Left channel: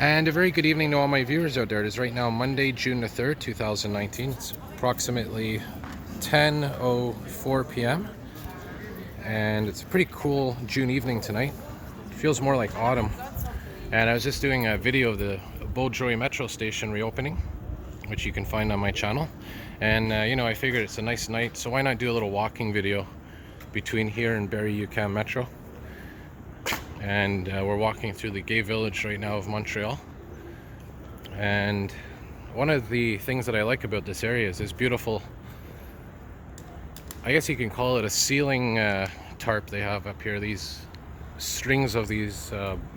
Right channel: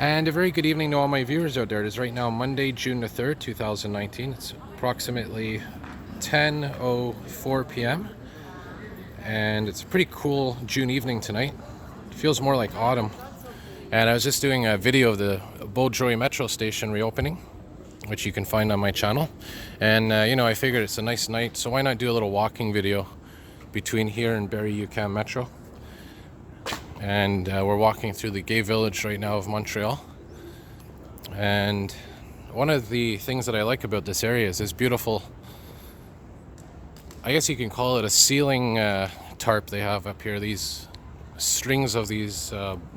And a very good evening to all my viewers out there. It is right now Monday, June the 3rd, 2019. It's approximately 10:04 p.m. and it's a pretty cool June evening tonight. It feels more like autumn. And I was just doing a video of the Beaudry metro station reopening, which you can find on my channel. And I figured it's a nice night, so why not do a little walking video between here and Berri-UQAM metro. And we're walking through the gay village right now of Montreal. And one of the things that I like about this area is this beautiful, I guess you can call it a ceiling tarp they have up here. These strings of these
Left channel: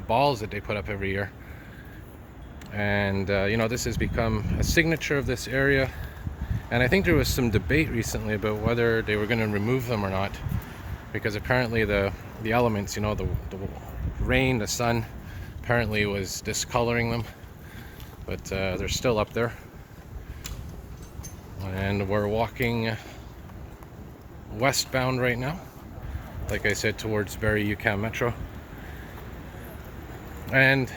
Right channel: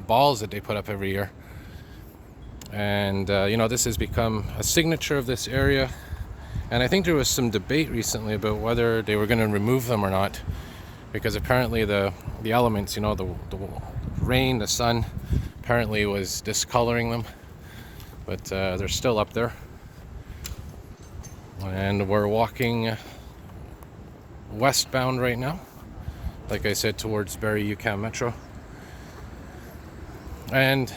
balls that they put up every year. And this has become a signature of this area. And I think there was some debate recently about whether they were going to remove them or not, because apparently the elements, the rain, the sun, apparently was discoloring them. But they're still up there. And we're walking westbound right now, like I said, towards Berri-UQAM metro. And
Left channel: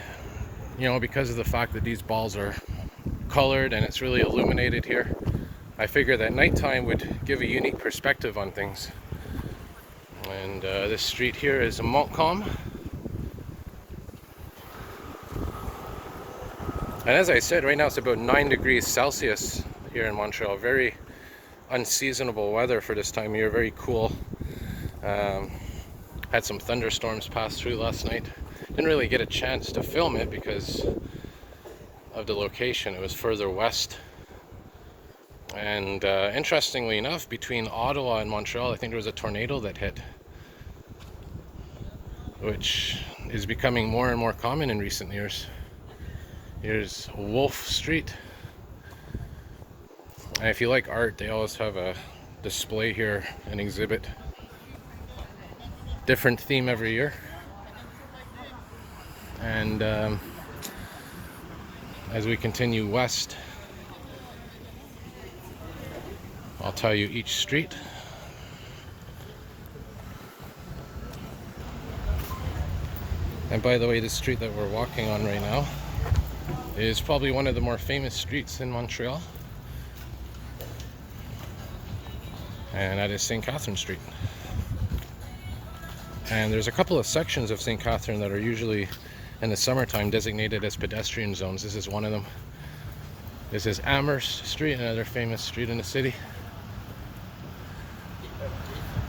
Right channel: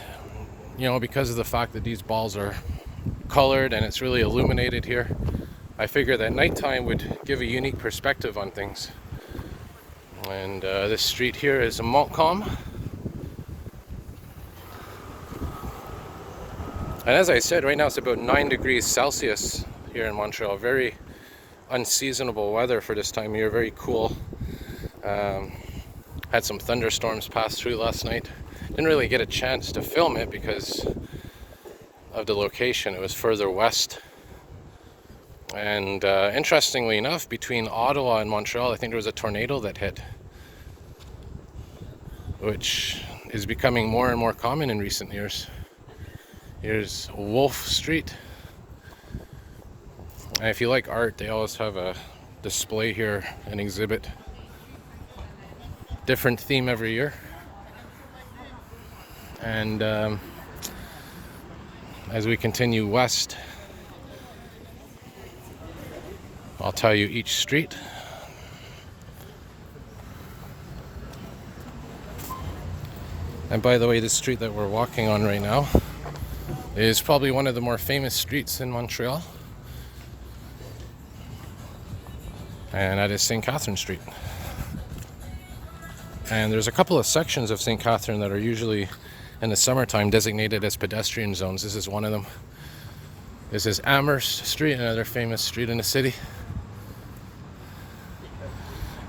because of the fact that these balls are colored and it's really illuminated here, I figure that nighttime would give a unique perspective on things. And this street here is Montcalm. And as I said, right now it's about 9 degrees Celsius here in Montreal. Very unseasonable weather for this time of year, very cool. Had some thunderstorms pass through last night. Didn't really get a chance to film it because of the location. It was further west. And interestingly enough, between Ottawa and Montreal, I think there was a tornado that hit, which is becoming more and more common in recent years. Here's Wolf Street. And if you like art, they always have a display here, an exhibit. Different theme every year. And as we continue west, I'll tell you each street. And by the way, this street that we're walking on right now is probably one of the more famous streets in Montreal. And that is St. Catherine Street. And there's a couple of sections of St. Catherine that are usually in the summertime designated as pedestrian zones. This is one of them. This is Amherst Street, another famous street in the city.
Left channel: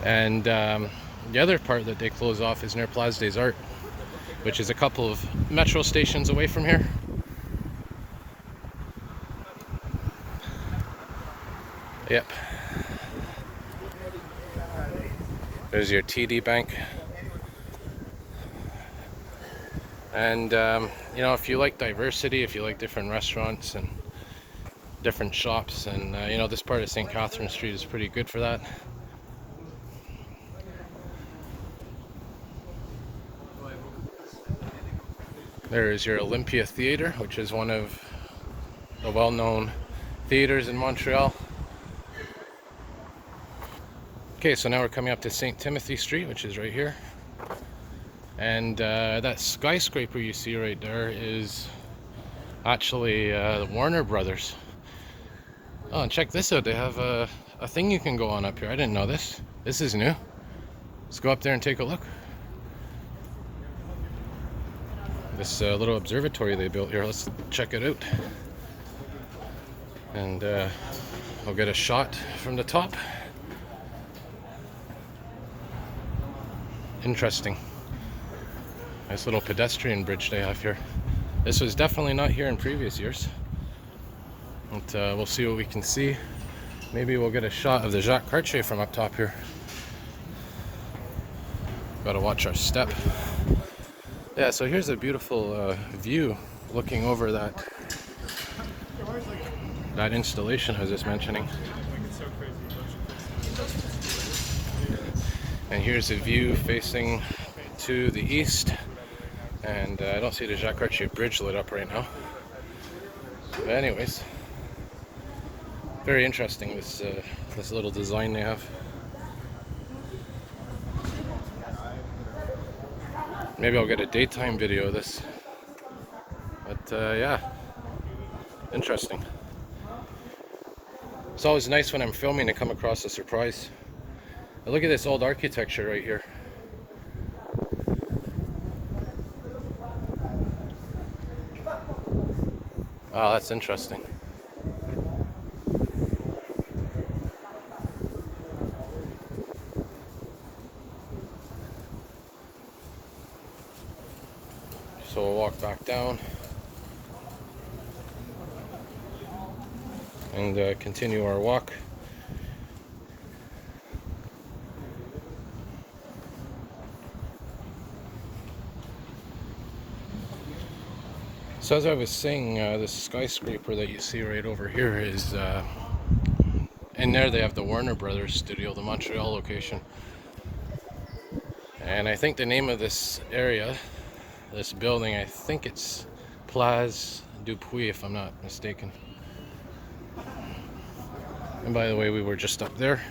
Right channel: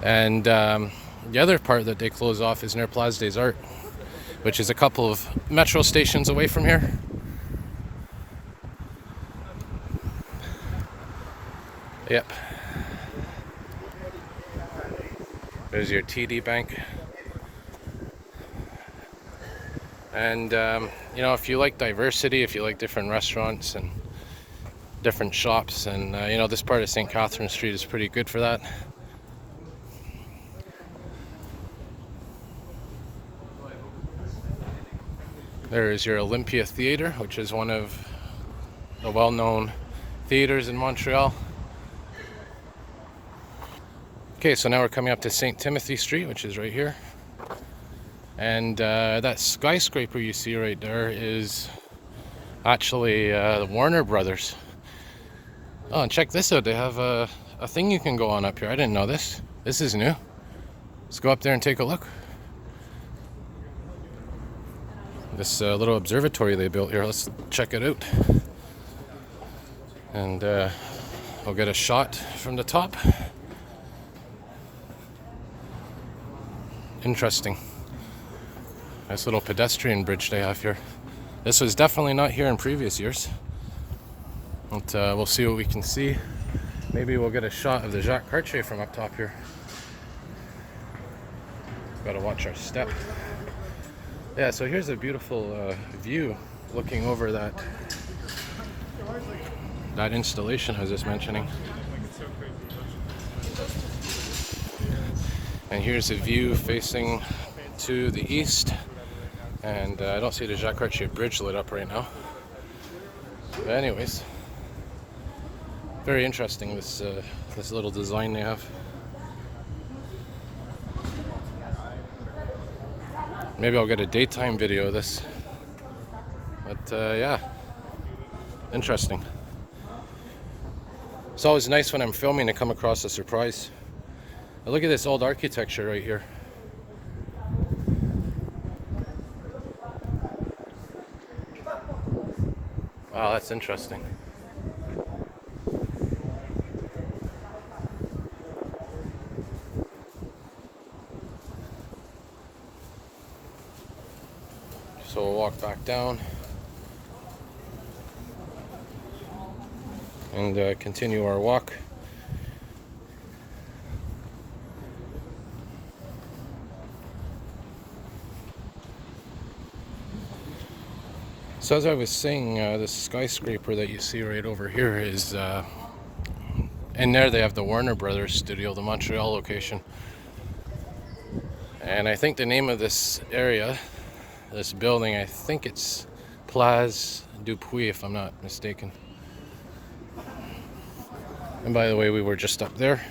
And the other part that they close off is near Place des Arts, which is a couple of metro stations away from here. Yep. There's your TD Bank. And, if you like diversity, if you like different restaurants and different shops, and, this part of St. Catherine Street is pretty good for that. There is your Olympia Theatre, which is one of the well-known theaters in Montreal. Okay, so now we're coming up to St. Timothy Street, which is right here. And that skyscraper you see right there is actually the Warner Brothers. Oh, and check this out. They have a thing you can go on up here. I didn't know this. This is new. Let's go up there and take a look. This little observatory they built here. Let's check it out. And we'll get a shot from the top. Interesting. Nice little pedestrian bridge they have here. This was definitely not here in previous years. But we'll see what we can see. Maybe we'll get a shot of the Jacques Cartier from up top here. Gotta watch our step. Yeah, so here's a beautiful view looking over that installation I was just mentioning. And here's a view facing to the east. And I don't see the Jacques Cartier bridge lit up right now. But anyways, very interesting, this little design they have. Maybe I'll get a daytime video of this. But yeah, interesting. It's always nice when I'm filming to come across a surprise. But look at this old architecture right here. Wow, that's interesting. So we'll walk back down and continue our walk. So as I was saying, this skyscraper that you see right over here is, in there they have the Warner Brothers studio, the Montreal location. And I think the name of this area, this building, I think it's Place Dupuis, if I'm not mistaken. And by the way, we were just up there.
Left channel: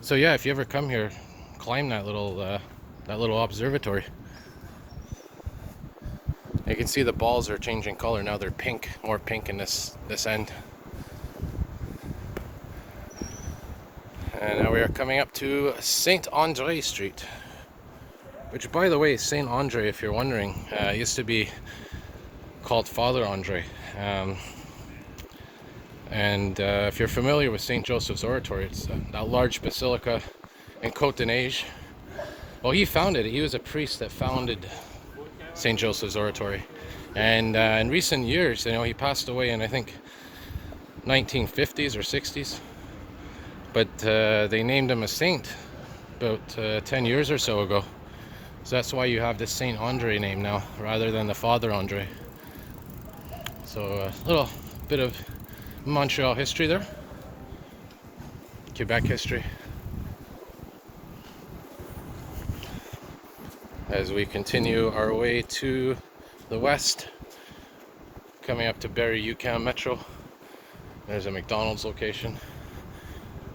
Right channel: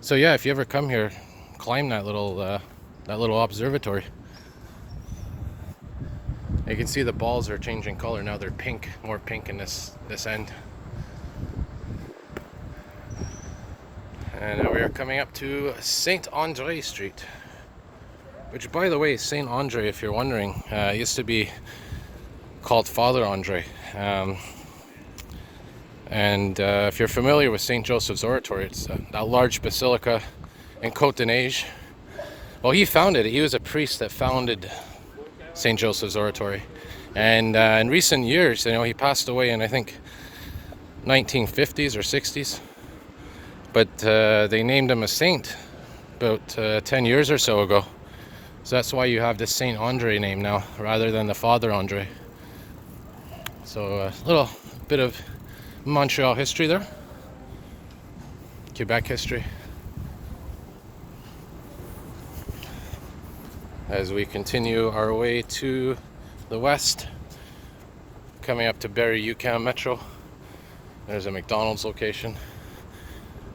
So yeah, if you ever come here, climb that little observatory. You can see the balls are changing color now. They're pink, more pink in this end. And now we are coming up to Saint Andre Street, which, by the way, Saint Andre, if you're wondering, used to be called Father Andre. If you're familiar with St. Joseph's Oratory, it's that large basilica in Côte d'Neige. Well, he founded it. He was a priest that founded St. Joseph's Oratory. And in recent years, he passed away in, I think, 1950s or 60s. But they named him a saint about 10 years or so ago. So that's why you have the Saint Andre name now, rather than the Father Andre. So a little bit of Montreal history there. Quebec history. As we continue our way to the west, coming up to Berri-UQAM Metro. There's a McDonald's location.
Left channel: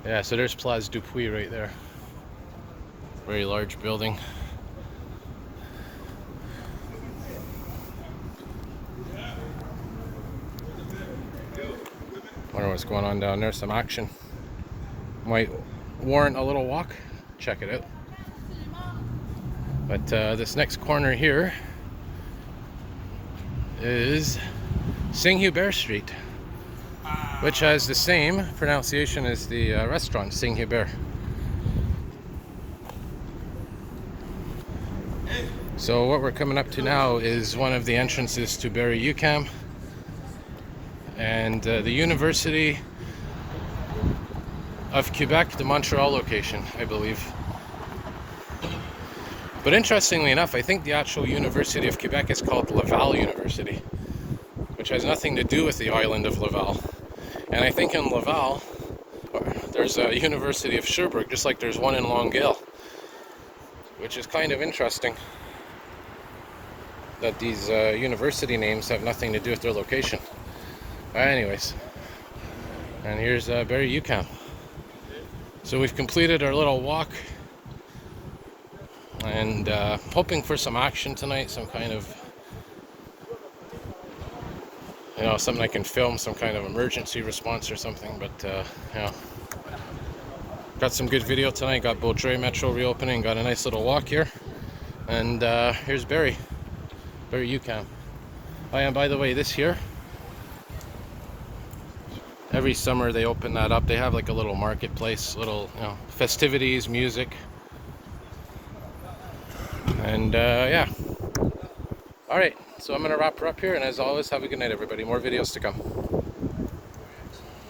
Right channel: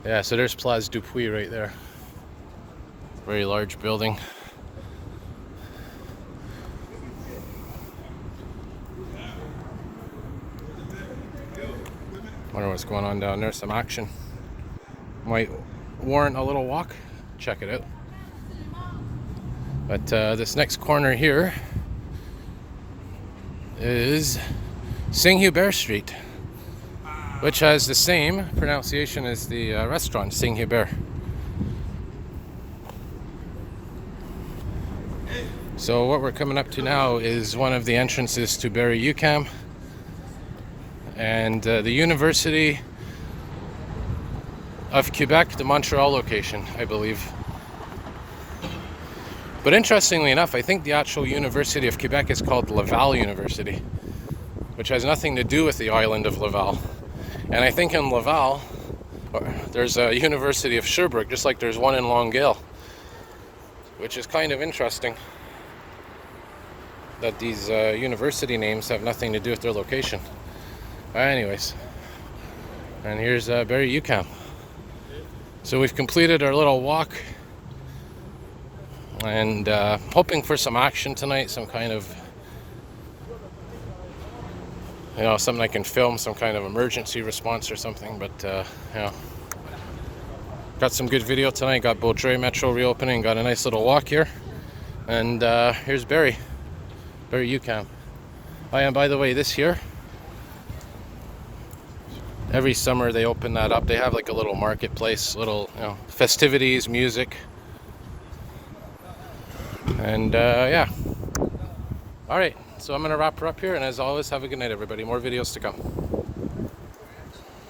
Yeah, so there's Place Dupuis right there. Very large building. Wonder what's going on down there. Some action. Might warrant a little walk. Check it out. But this next corner here is Saint-Hubert Street, which has the same pronunciation as the restaurant, Saint-Hubert. So what we're coming up to now is one of the entrances to Berri-UQAM and the University of Quebec, the Montreal location, I believe. But interestingly enough, I think the actual University of Quebec is called Laval University, which has nothing to do with the island of Laval. And I think in Laval, there's a University of Sherbrooke, just like there's one in Longueuil, which is kind of interesting that these university names have nothing to do with their location. Anyways, and here's Berri-UQAM. So we've completed our little walk, and hoping for some action tonight, some kind of, something I can film, some kind of emergency response or something. But got some good video tonight. Got Beaudry Metro reopening, got a nice little walk here, and here's Berri-UQAM. Oh, and by the way, this year, every summer they open that up. They have like a little marketplace, little festivities, music. And yeah. Alright, so I'm going to wrap her up here, and as always, have a good night, everybody. More videos to come.